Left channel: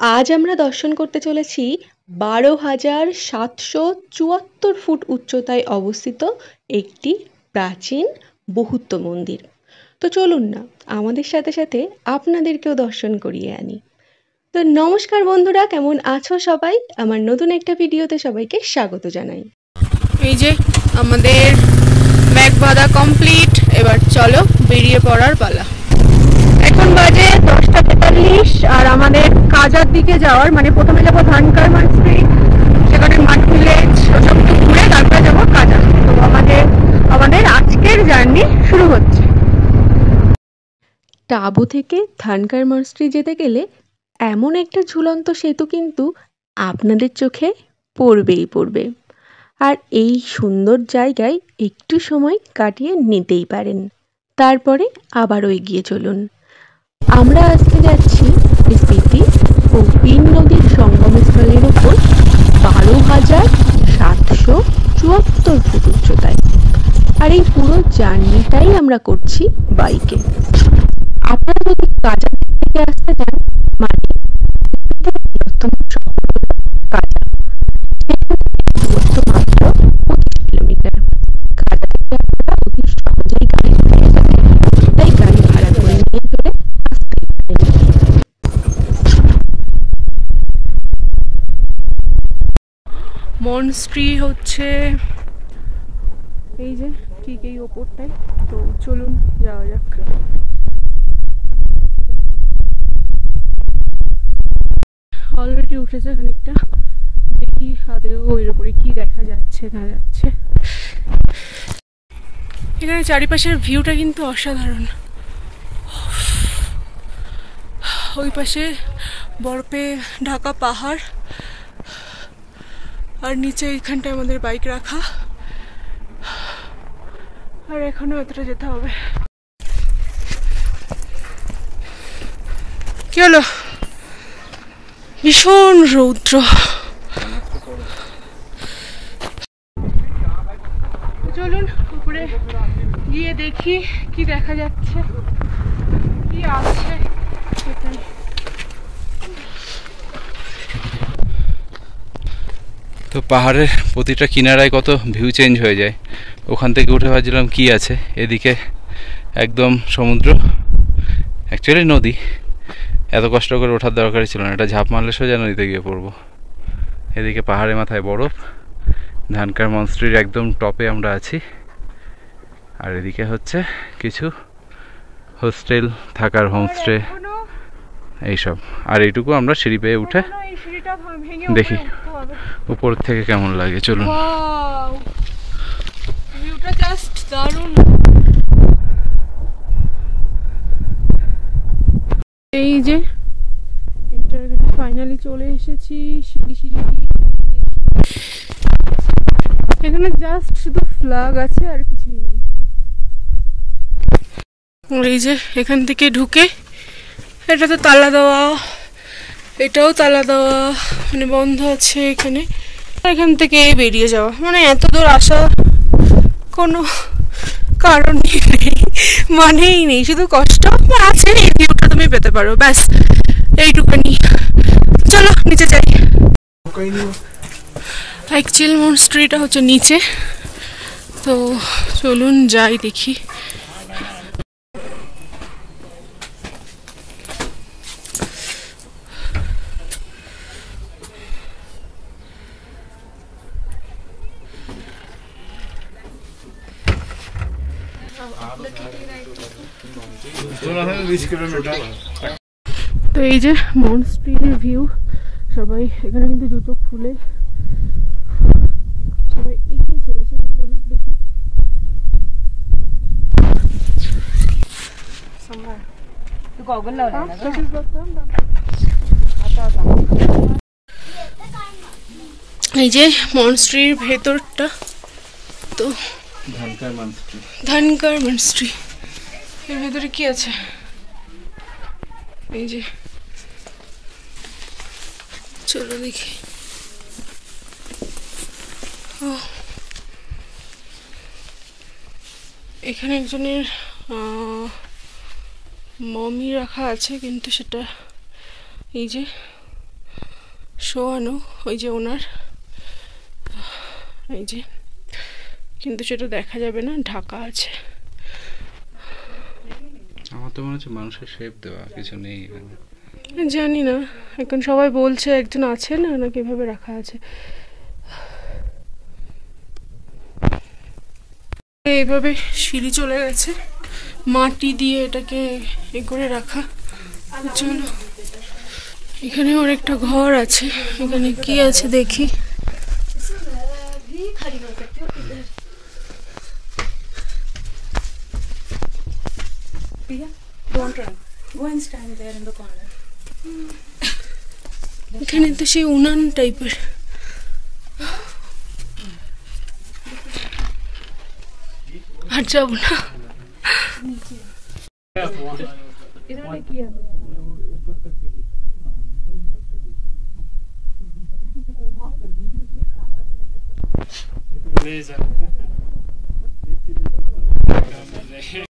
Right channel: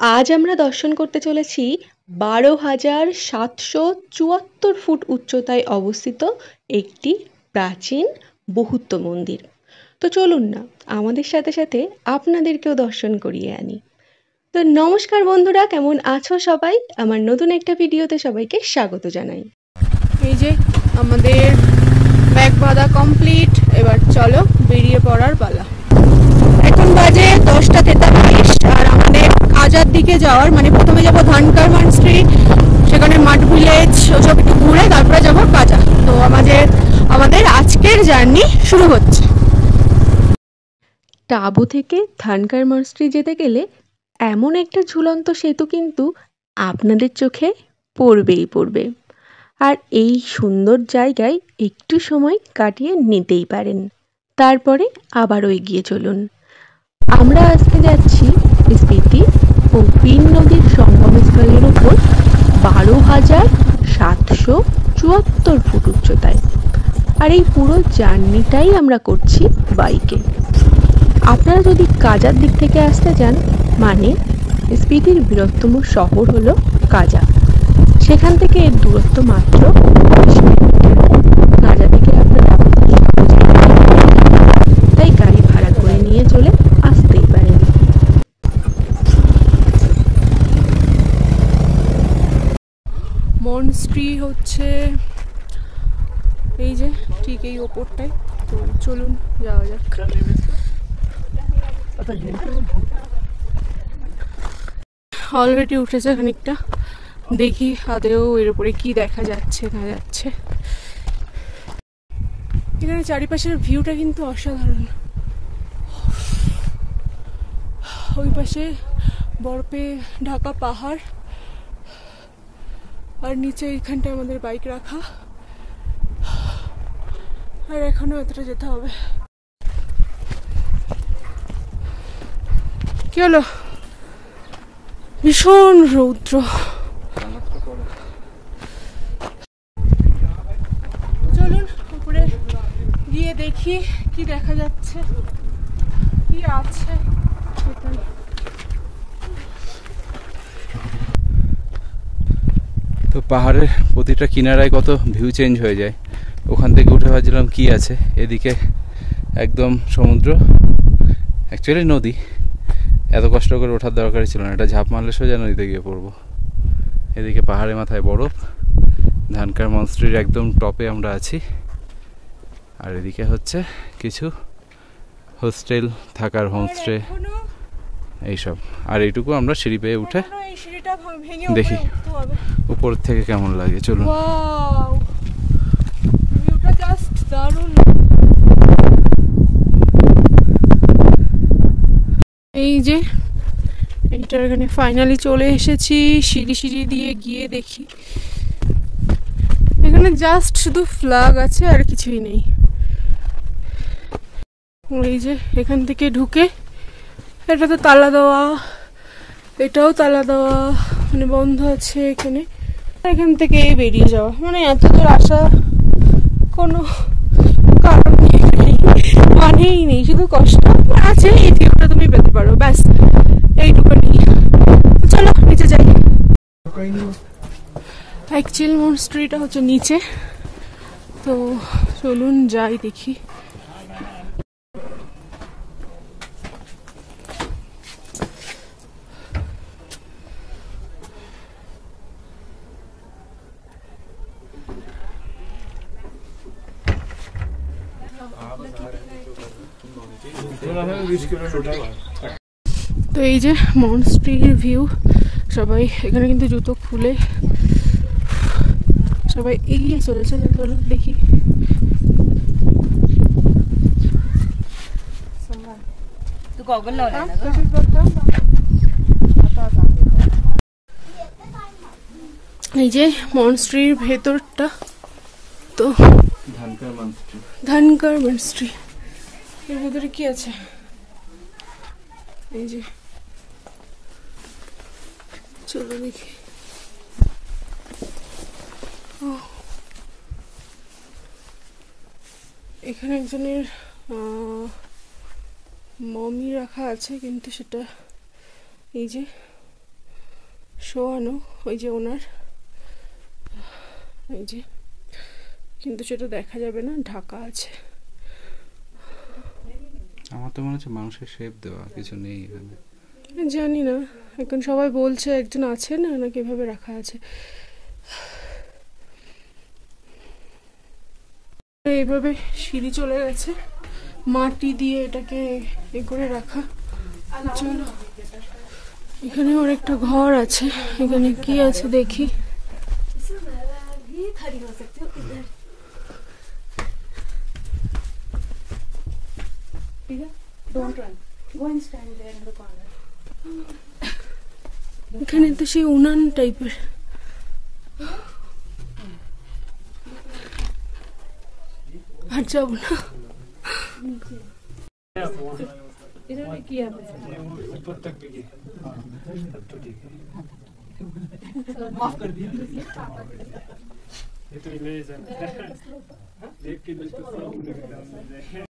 আজ আমরা দর্শন করতে চলেছি ১২,৭৭৪ ফুট উচ্চতায় অবস্থিত একটি প্রাচীন বৌদ্ধ মন্দির। তো চলুন না আমাদের সাথে সাথে আপনাদেরকেও দর্শন করিয়ে আনি। তো নমস্কার বন্ধুরা, কেমন আছো সবাই? আমার নতুন একটা ভিডিওতে সবাইকে স্বাগত জানাই। এই যে আমাদের ব্যাগ বাঁধা কমপ্লিট, এবার চলো বেরিয়ে পড়ার পালা। এখন বাজে 10:43 আর আমাদের কাজার দিকে যাওয়ার, মানে প্রথমে যাবো ধানকার মনস্ট্রি, সেখানে মাঠ ভিলেজ ওসব একটু ঘুরে তারপরে যাবো কাজা। তো আমাদের আজকের জার্নি শুরু হচ্ছে। টাবু থেকে ধানকার মনস্ট্রি যেতে গেলে এমন একটা ঝুলন্ত সেতু কিন্তু আপনাদের চোখে পড়বেই পড়বে। আর এই সুন্দর জায়গায় একটু সময় কাটিয়ে নিতেই পারেন, তারপরে আবারও এগিয়ে চলুন। আমরা আজকে যাচ্ছি স্পিতি ও বিন নদীর সঙ্গমস্থলের ওপর ১২,৭৭৪ ফুট উচ্চতায়। আর এই পুরো জার্নিটাই আমরা করছি বাইকে। আপনারা যদি কাজার দিক থেকে আসতে চান, মানে স্পিতির বৃহত্তম শহর হলো কাজা, সেখান থেকে এর দূরত্ব মাত্র ২৫ কিলোমিটার। কাজা থেকে আপনারা অতি সহজেই গাড়ি পেয়ে যাবেন, তাই গাড়ি ভাড়া করে নিয়ে চলে আসতেই পারেন। মনস্ট্রি হচ্ছে এই যে ঠিক এই ওপরটাই। তো চলুন যাওয়া যাক। অলরেডি উঠেছে খানিকটা, দেখি আদেও এর উপরে কি দেখা যাচ্ছে না যাচ্ছে। এখানে চারিপাশের ভিউটা কিন্তু অসাধারণ। ওই পাশে বরফে ঢাকা পাহাড়, আর নিচে এইখানটায় আমাদের বাইক রাখা। আর এখনো এতটা যেতে হবে। কি হলো? ভীষণ রৌদ্র। চলুন উপরে গিয়ে দেখি কি দেখা যাচ্ছে, কি আছে সেখানে। তো পাহাড়ের প্রতিটা কিনারায় কত ভিউ চেঞ্জ হয়ে যায়। ওখান থেকে উঠে ভাবছিলাম কি আছে, এদিকে একদম সমুদ্র, অ্যাকচুয়ালি নদী। এত কষ্ট করে ওঠার দরকারই ছিল না, এটা ঝাঁপ মারলে সোজা নদীতে গিয়ে পড়বো। এদিকে পাহাড়ের মাথায় বরফ, ধানকার মনস্ট্রির একদম টপে আমরা আছি। আর এদিকে হচ্ছে কিছু হোস্টেল, থাকার হোমস্টে এইসব। আর এইটুকু আমরা সিঁড়ি পেয়ে উঠে দেখি উপর থেকে কেমন লাগে। চলুন। এই যে এইটার এখানে ফাইনালি চলে এসেছি। সিঁড়ি দিয়ে গিয়ে দেখি, এখানে জাস্ট শুধু ফ্ল্যাগ আছে আর কিছুই নেই। এই যে এখান থেকে ঢুকে, এটা তো তালা দেওয়া, এটাও তালা দেওয়া, মানে বন্ধ আছে এখানে। এখান থেকে বেরিয়ে যাওয়া, মানে এত দূর আসা কোনো কারণ নেই, মানেই নেই, শুধু কষ্ট আছে। এই ভিউটা তুমি পেতে পারো, ব্যাস এইটুকুনি। চলো নিচে যাই। অ্যাকচুয়াল মনস্ট্রিটা হচ্ছে নিচে, তো চলুন যাই দেখি। তো এই যে মনস্ট্রির ভিউ। সবাই এখানে কিন্তু জুতো খুলে সবাই এগিয়ে চলেছে। চলো দেখি। এই যে মনস্ট্রির ভেতরটা, তো ধানকার মনস্ট্রি। এর ভেতরে কি আছে? এই যে চলো দেখি। এখানে একজনের মমি রাখা আছে, কিন্তু সেটা এই যে শোয়ানো, ওই যে ওনার, এই যে, কিন্তু সেটা দেখা যাবে না, ঢাকা আছে। আমার তো মনে হচ্ছে মানুষের শেপ দেওয়া, কিছু নেই এখানে। জানি না, এখন সবাই বলছে একজন আছে না, নাকি এভাবে রাখা আছে। এইভাবে সিঁড়ি চলে গেছে, মাটি দিয়ে এটাকে এ করে রাখা। চলো, এখানে অনেকটা ঘর আছে, এখানে কি আছে দেখি। এখানে তো সেই উনান টাইপের। আর যাবো না।